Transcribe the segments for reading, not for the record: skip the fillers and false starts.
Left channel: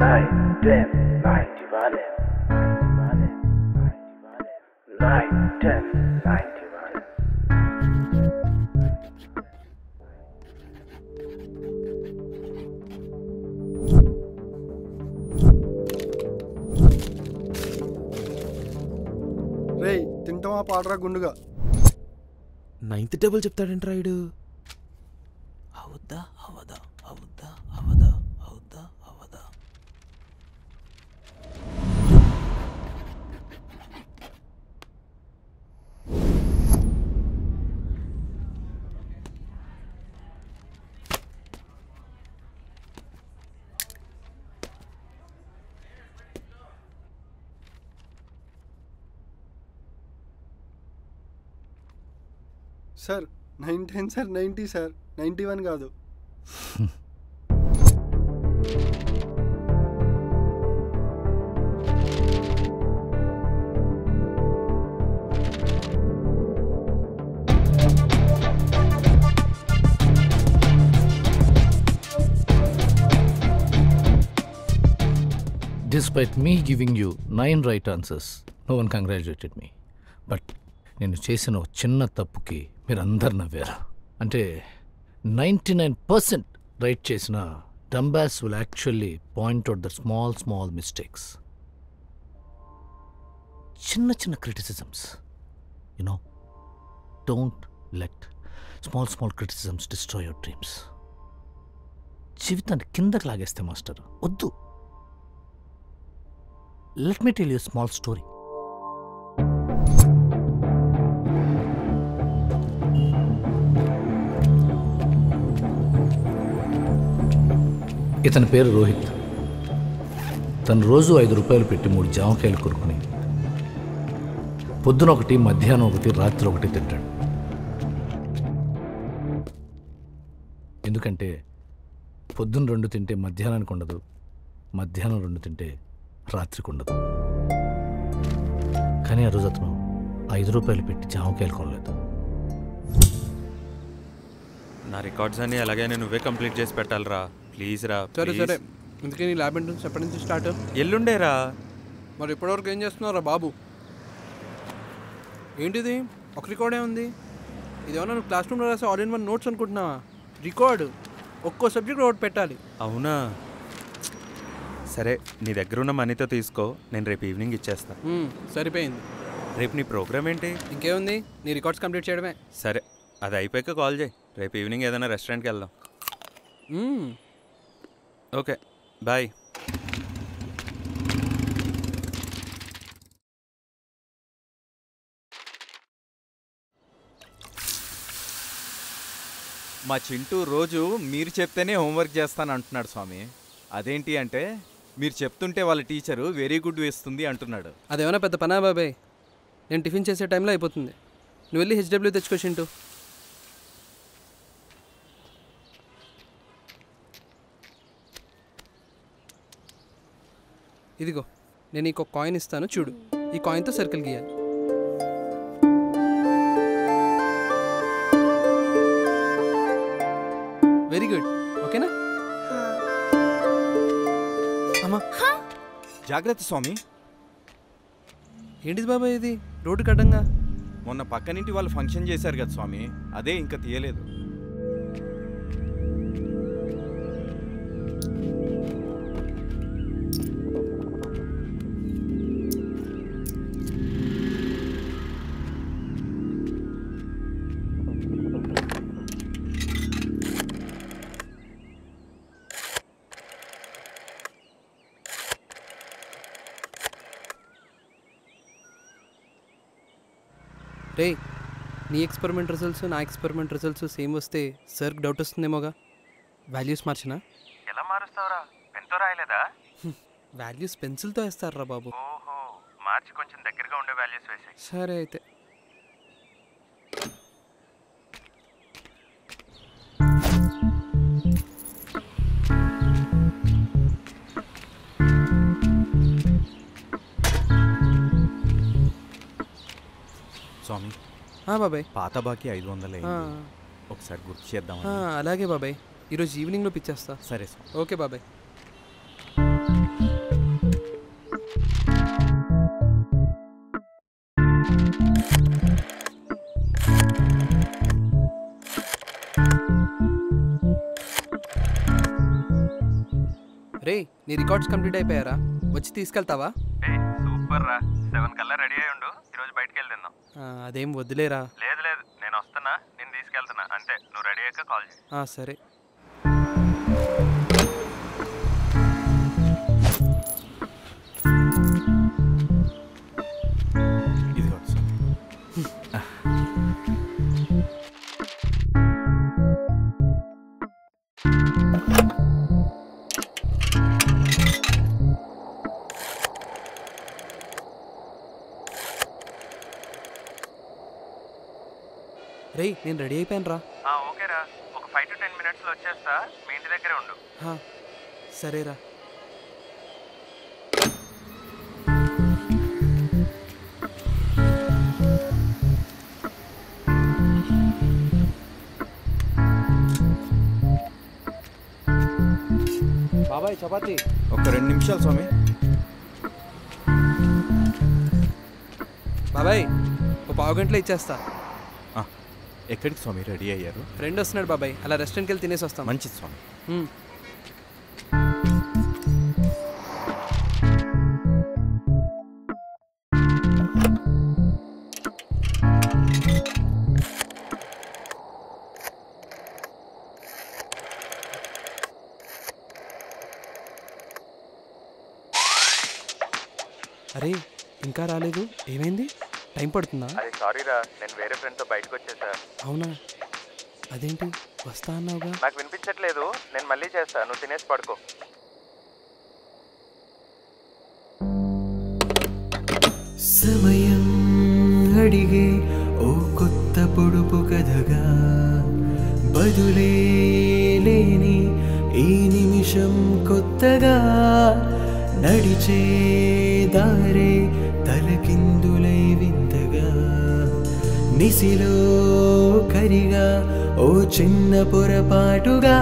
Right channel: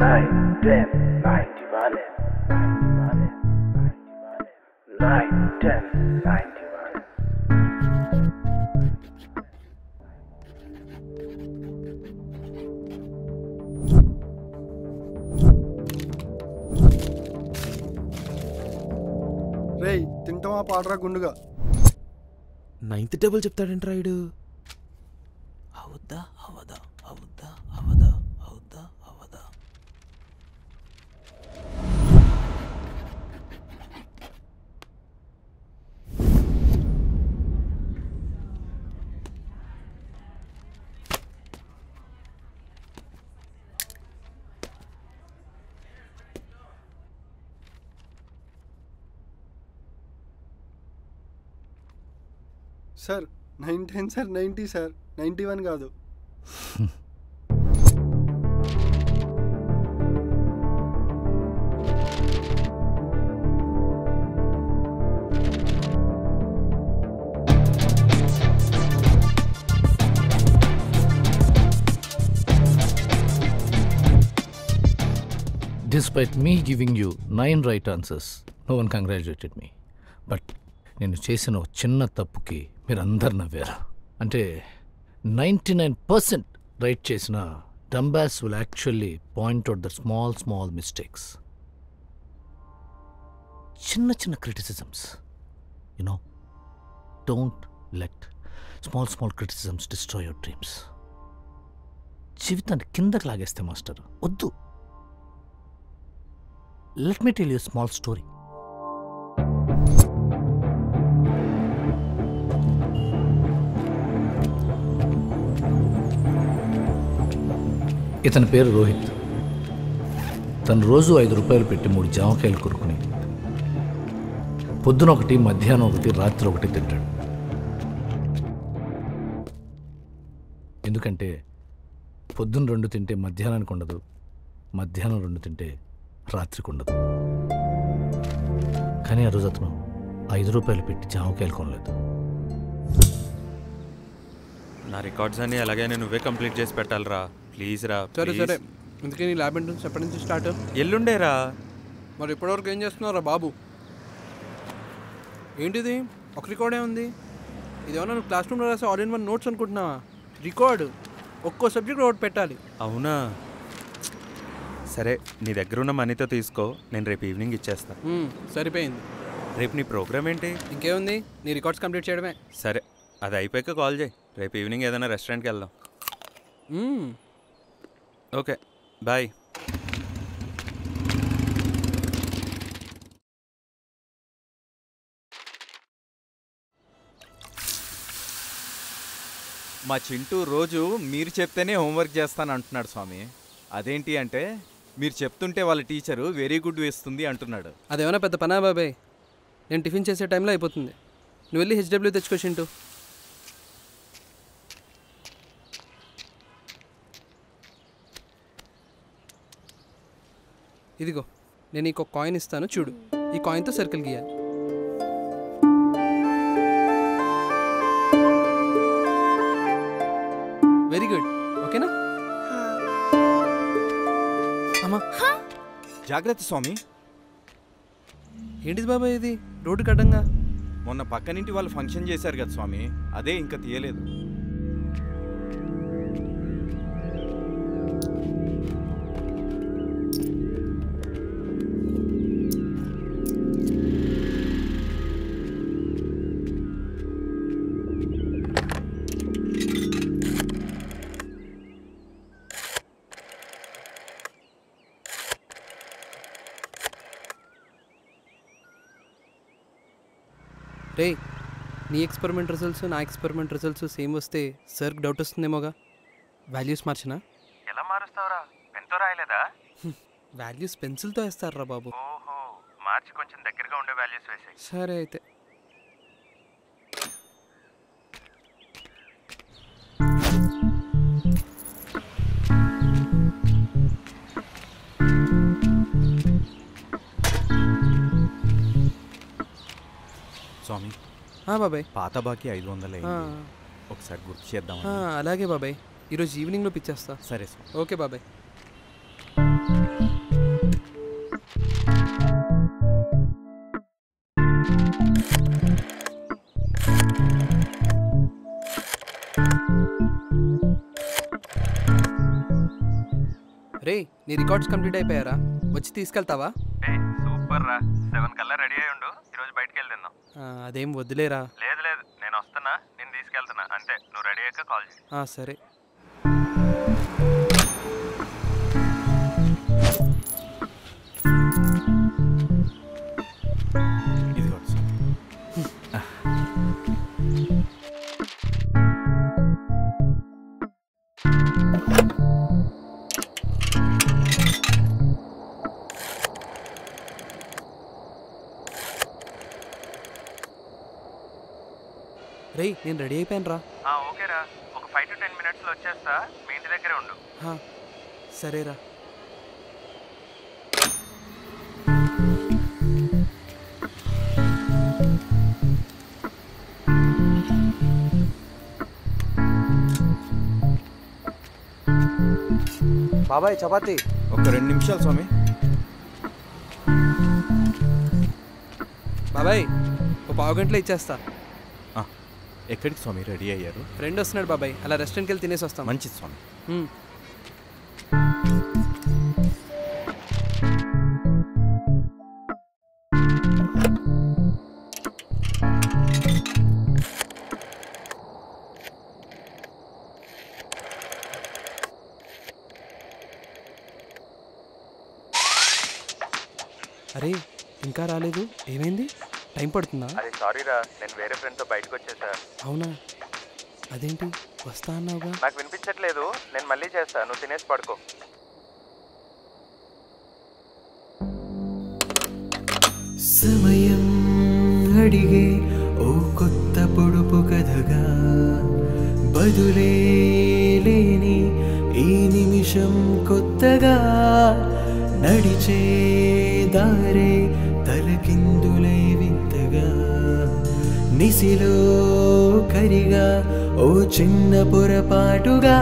9, 10, 91. 9, 10, 91. రేయ్ తింటావా పాడరా గుండుగా. 9th table చెప్తాడంట Rayudu. అవుద్దా అవదా అవుద్దా అవదా అవుద్దా అవదా. సార్ 910 సార్ 90 సార్ 91 కాదు. Despite me giving you 9 right answers, no one congratulated me. But నేను చేసిన చిన్న తప్పుకి మీరందరు నవ్వారు. అంటే 99% రైట్ చేసిన dumbass will actually point out the small mistakes. చిన్న చిన్న criticisms. You know, don't let small criticisms destroy your dreams. జీవితాన్ని కిందకి లాగేస్తే మాస్టర్ వద్దు. Let me tell you a small story. ఇతని పేరు రోహిత్. తను రోజు 5 రూపాయలు పెట్టి 3 జామకాయలు కొనుక్కుని పొద్దున ఒకటి, మధ్యాహ్నం ఒకటి, రాత్రి ఒకటి తింటాడు. ఎందుకంటే పొద్దున్న 2 తింటే మధ్యాహ్నానికి ఉండదు, మధ్యాహ్నం 2 తింటే రాత్రికి ఉండదు. కానీ ఆ రోజు అతను 5 రూపాయలు పెట్టి జామకాయలు కొనలేదు. నా రికార్డ్స్ అన్ని ఎలాగైనా నువ్వే కంప్లీట్ చేసి పెట్టాలరా, ప్లీజ్ రా. సరే అందుకే నీ ల్యాబ్ ఎంట్రన్స్ ఎప్పటి నుంచి స్టార్ట్? ఎల్లుండేరా. మరి ఇప్పటివరకు ఏం చేస్తున్నారా బాబు? ఏంటిది ఒక రికార్డే ఉంది? ఇదేమన్నా నువ్వు క్లాస్ రూమ్లో రాసే ఆల్ ఇన్ వన్ నోట్స్ అనుకుంటున్నావా? రికార్డు ఒక్కో సబ్జెక్ట్ ఒకటి పెట్టాలి. అవునా? సరే, నీ దగ్గర ఉన్న మనీతో తీసుకో, నేను రేపు ఈవినింగ్ ఇచ్చేస్తా. సరిపోయింది. రేపు నీ ప్రోగ్రామ్ ఏంటి? ఇంకేముంది, నీ రికార్డ్స్ కంప్లీట్ చేయడమే. సరే, అది అయిపోయాక కాల్ చేయి. రేపు ఈవినింగ్ ఏదైనా రెస్టారెంట్కి వెళ్దాం. Okay, bye. మా చింటూ రోజు మీరు చెప్తేనే హోంవర్క్ చేస్తాను అంటున్నాడు స్వామి. అదేంటి అంటే మీరు చెప్తుంటే వాళ్ళ టీచరు వెరీ గుడ్ వేస్తుంది అంటున్నాడు. అదేమన్నా పెద్ద పనా బాబాయ్? నేను టిఫిన్ చేసే టైంలో అయిపోతుంది. నువ్వు వెళ్ళి హెచ్డబ్ల్యూ తెచ్చుకో చింటూ. ఇదిగో, నేను నీకు ఒక కాయిన్ ఇస్తాను, చూడు. ఈ కాయిన్తో సర్కిల్ గీయాలి. వెరీ గుడ్, ఓకేనా? అమ్మా జాగ్రత్త స్వామి. ఏంటిది బాబాయ్ ఇది రోడ్డు కడ్డంగా? మొన్న పక్కనింటి వాళ్ళు ఫంక్షన్ చేశారు కదా స్వామి, అదే ఇంకా తీయలేదు. రే, నీ ఎక్స్పెరిమెంట్ రిజల్ట్స్ నా ఎక్స్పెరిమెంట్ రిజల్ట్స్ సేమ్ వస్తే సార్కి డౌట్ వస్తుందేమోగా. వాల్యూస్ మార్చినా? ఎలా మారుస్తావురా? పెన్తో రాయలేదా? వాల్యూస్ పెన్సిల్తో వేస్తారా బాబు. ఓహో, మార్చి కొంచెం దగ్గరగా ఉండే వాల్యూస్ వేసాయి. సరే అయితే. స్వామి, బాబాయ్ పాత బాకీ 500 ఒకసారి గుర్తు చేద్దాం. అలాగే బాబాయ్, ఈరోజు ఈవినింగ్లో పిచ్చేస్తా. సరే స్వామి. ఓకే బాబాయ్. రే నీ రికార్డ్స్ కంప్లీట్ అయిపోయారా? వచ్చి తీసుకెళ్తావా? సూపర్ రా, 7 కల్లా రెడీ అయ్యి ఉండు, ఈరోజు బయటకు వెళ్దాం. అదేం వద్దులేరా. లేదు లేదు, నేను వస్తున్నా, నేను తీసుకెళ్తున్నా అంతే, నువ్వు రెడీ అయ్యాక కాల్ చేయి. సరే. ఇదిగో రే నేను రెడీ అయిపోయాను రా. ఓకేరా, ఒక 5 to 10 minutesలో వచ్చేస్తా, మీ ఇంటి దగ్గరే ఉండు. సరేరా. బాబాయ్ చపాతి. ఒక 2 నిమిషాలు స్వామి. బాబాయ్ ఓ పావు గంటలో ఇచ్చేస్తా. ఎక్కడికి స్వామి రెడీ అయ్యారు? ఫ్రెండ్ వస్తున్నాడు బాబాయ్, అలా రెస్టారెంట్కి వెళ్ళి తినేసి వస్తాం. మంచిది స్వామి. అరే ఇంకా రాలేదు, ఏమైంది? టైం పడుతుందా? అది సారీరా, నేను వేరే ఫ్రెండ్తో బయటకు వచ్చేసా. అవునా? అదేంటి వస్తా అన్నావుగా? నాకు వినిపించట్లేదు, నేను మళ్ళీ చేస్తా, నువ్వు తినేసి పడుకో. సమయం అడిగే ఓ కొత్త పొడుపు కథగా, బదులే లేని ఈ నిమిషం కొత్తగా, నడిచే దారే తలకిందులై వింతగా, నిసిలో కరిగా ఓ చిన్న పొరపాటుగా.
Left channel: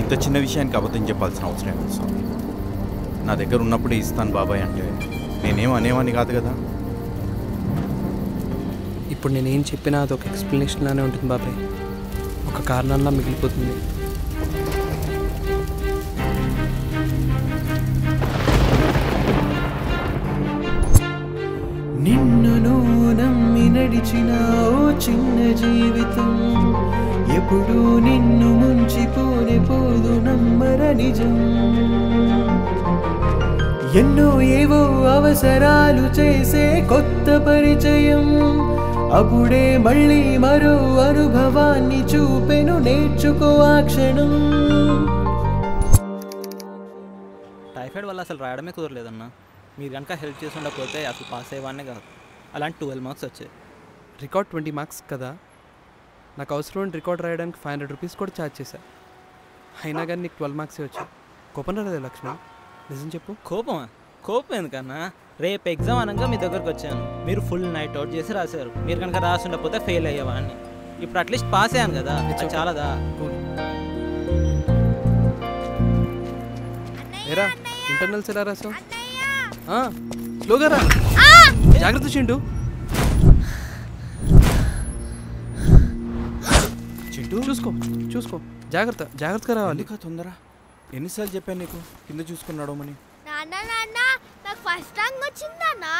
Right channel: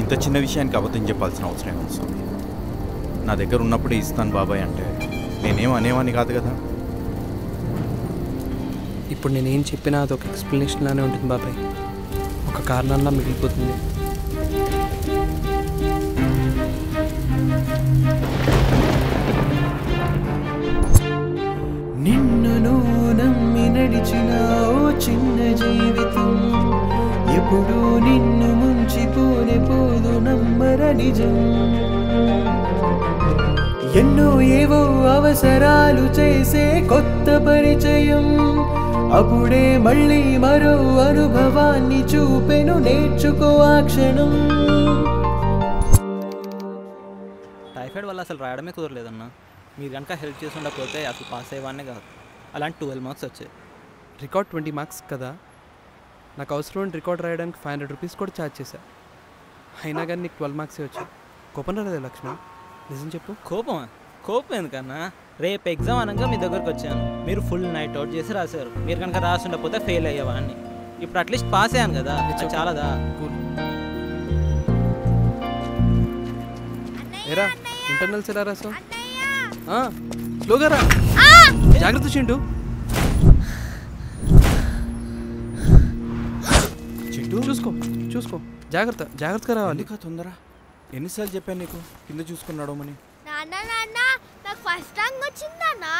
ఇంత చిన్న విషయానికి అబద్ధం చెప్పాల్సిన అవసరం ఏముంది స్వామి? నా దగ్గర ఉన్నప్పుడే ఇస్తాను బాబాయ్ అంటే నేనేం అనేవాని కాదు కదా. ఇప్పుడు నేనేం చెప్పినా అదొక ఎక్స్ప్లెనేషన్ లానే ఉంటుంది బాబాయ్, ఒక కారణంలా మిగిలిపోతుంది. నిన్ను నువ్వు నమ్మి నడిచిన ఓ చిన్న జీవితం ఎప్పుడు నిన్ను ముంచిపోనే పోదు నమ్మర నిజం. ఎన్నో ఏవో అవసరాలు చేసే కొత్త పరిచయం అప్పుడే మళ్ళీ మరో అనుభవాన్ని చూపెను, నేర్చుకో ఆ క్షణం. టైఫాయిడ్ వల్ల అసలు రాయడమే కుదరలేదన్నా. మీరు కనుక హెల్ప్ చేసి ఉండకపోతే అసలు పాస్ అయ్యేవాడినే కాదు. అలాంటి 12 మార్క్స్ వచ్చాయి. రికార్డ్ 20 మార్క్స్ కదా, నాకు అవసరం రికార్డ్ రాయడానికి 500 రూపీస్ కూడా ఛార్జ్ చేశా. అయినా కానీ నీకు 12 మార్క్సే వచ్చాయి. కోపం రాలేదు లక్ష్మణ్, నిజం చెప్పు. కోపం ఎందుకన్నా? రేపు ఎగ్జామ్ అనగా మీ దగ్గరకు వచ్చాను, మీరు ఫుల్ నైట్ అవుట్ చేసి రాశారు. మీరు కనుక రాసి ఉండకపోతే ఫెయిల్ అయ్యేవాడిని. ఇప్పుడు అట్లీస్ట్ పాస్ అయ్యాను కదా, చాలాదా? ఏరా ఇంటర్నల్స్ ఎలా రాసావు? స్లోగా రా, జాగ్రత్త చింటూ. చింటూ చూసుకో జాగ్రత్తగా రావాలి. తొందర ఎన్నిసార్లు చెప్పాను నీకు కింద చూసుకున్నాడు అని? నాన్న నాకు ఫస్ట్ ర్యాంక్ వచ్చిందన్నా.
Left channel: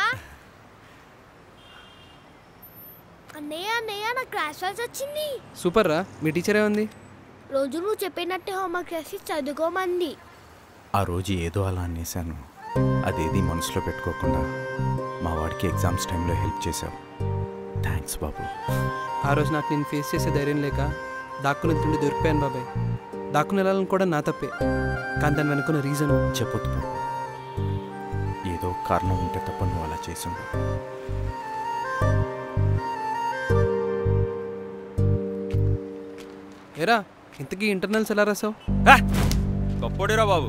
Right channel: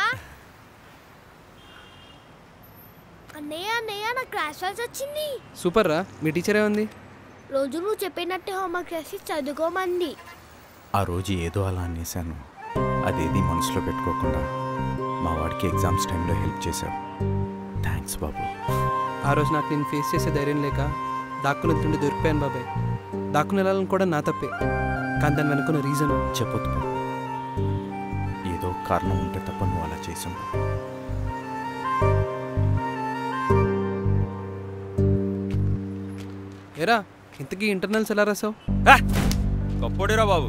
అన్నయ్య నాకు క్లాస్ వర్క్ వచ్చింది. సూపర్ రా. మీ టీచర్ ఏమంది? రోజు నువ్వు చెప్పినట్టే హోంవర్క్ చేసి చదువుకోమంది. ఆ రోజు ఏదో అలా అనేసాను, అదేది మనసులో పెట్టుకోకుండా మా వాడికి ఎగ్జామ్స్ టైంలో హెల్ప్ చేశావు. థ్యాంక్స్ బాబు. ఆ రోజు నాకు నేను ఫేస్ చేసే ధైర్యం లేక దాక్కుని తిండి దొరికిపోయాను బాబాయ్. దాక్కుని వెళ్ళాలని కూడా నా తప్పే, కానీ దాని వెనుకున్న రీజన్ చెప్పొద్దు బాబు. ఏదో కారణం ఉంటే తప్ప నువ్వు అలా చేసి ఉండవు. ఏరా ఇంతకీ ఇంటర్నల్స్ ఎలా రాసావు? గొప్పోడిరా బాబు.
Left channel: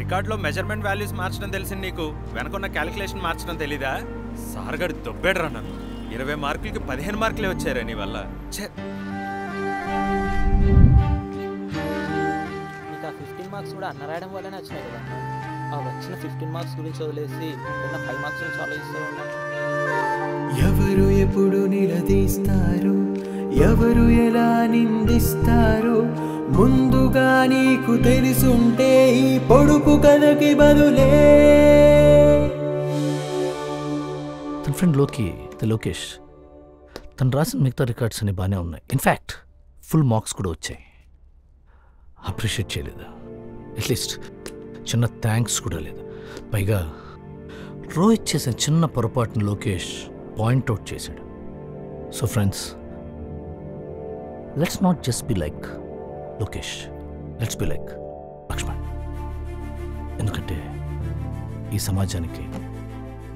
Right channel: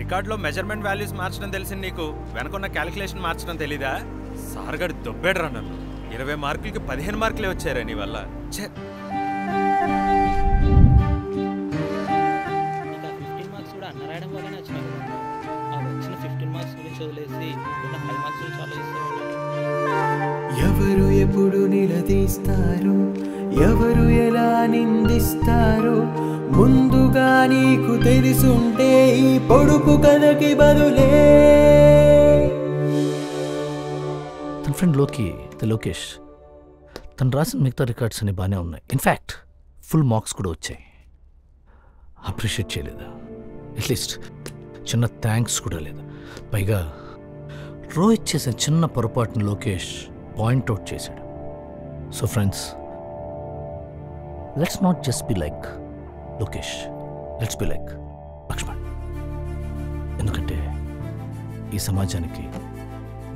రికార్డులో మెజర్మెంట్ వాల్యూస్ మార్చడం తెలిసింది నీకు, వెనకున్న క్యాలిక్యులేషన్ మార్చడం తెలీదా? సార్గడి దొబ్బేడరా నన్ను. 20 మార్కులకి 15 మార్కులే వచ్చారా నీ వల్ల. మీకు ఆ 15 మార్క్స్ కూడా అన్న రాయడం వల్లనే వచ్చినాయి కదా. ఆ వచ్చిన 15 మార్క్స్ గురించి వదిలేసి ఉన్న 5 మార్క్స్ గురించి ఆలోచిస్తూ ఉంటాను. ఎవరు ఎప్పుడు నిలదీస్తారు, ఎవరు ఎలా నిందిస్తారు, ముందుగా నీకు తెలుసుంటే ఈ పొడుపు కథకి బదులే. తన ఫ్రెండ్ లోకేష్ తను రాసిన మిగతా రికార్డ్స్ అన్ని బాగానే ఉన్నాయి. ఇన్ఫ్యాక్ట్ ఫుల్ మార్క్స్ కూడా వచ్చాయి. అప్రిషియేట్ చేయలేదు, అట్లీస్ట్ చిన్న థ్యాంక్స్ కూడా లేదు. పైగా రోహిత్ చేసిన చిన్న పొరపాటును లోకేష్ పాయింట్అవుట్ చేశాడు. So friends, let's not just be like Lokesh, let's be like Lakshman. ఎందుకంటే ఈ సమాజానికి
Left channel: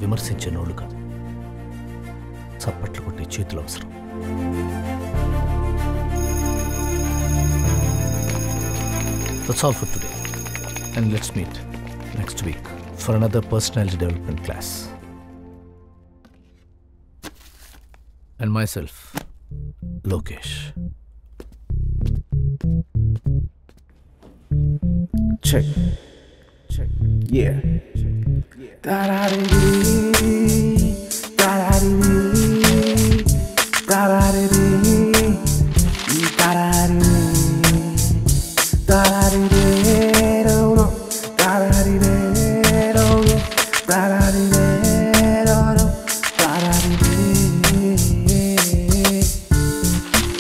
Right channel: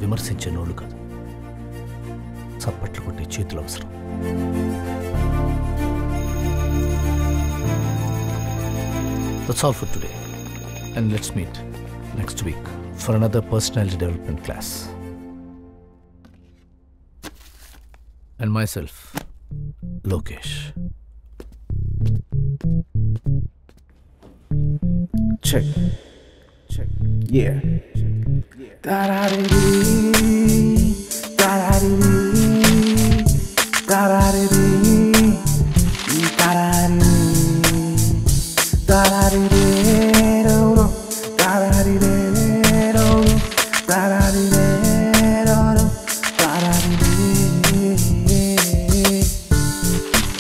విమర్శించే నోళ్ళు కాదు, చప్పట్లు కొట్టే చేతులు అవసరం. That's all for today, and let's meet next week for another personality development class. And myself, Lokesh. Check. Yeah. Da-da-dee-dee, da-da-dee-dee, da-da-dee-dee, da-da-dee-dee, da-da-dee-dee-do-do, da-da-dee-dee-do-do, da-da-dee-dee-do-do, da-da-dee-dee,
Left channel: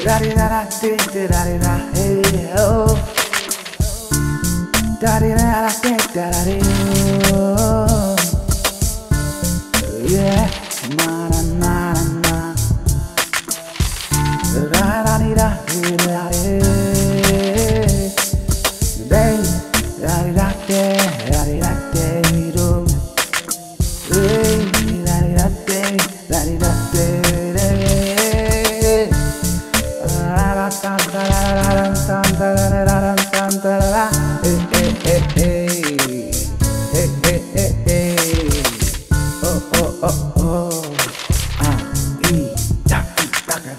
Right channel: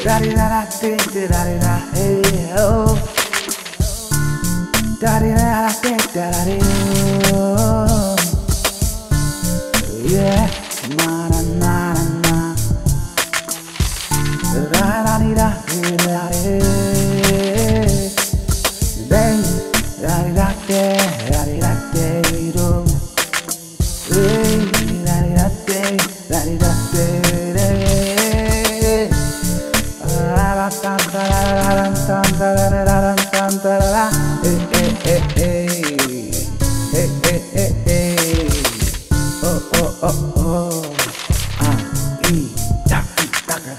da-dee-da-da-dee-da-dee-da-hey-oh, da-dee-da-da-dee-da-da-dee-oh, yeah, na-na-na-na-na, da-da-dee-da-dee-da-dee, da-dee-da-dee-da-dee-da-dee-do, oh oh oh oh, ah, ee, da, da, da, da.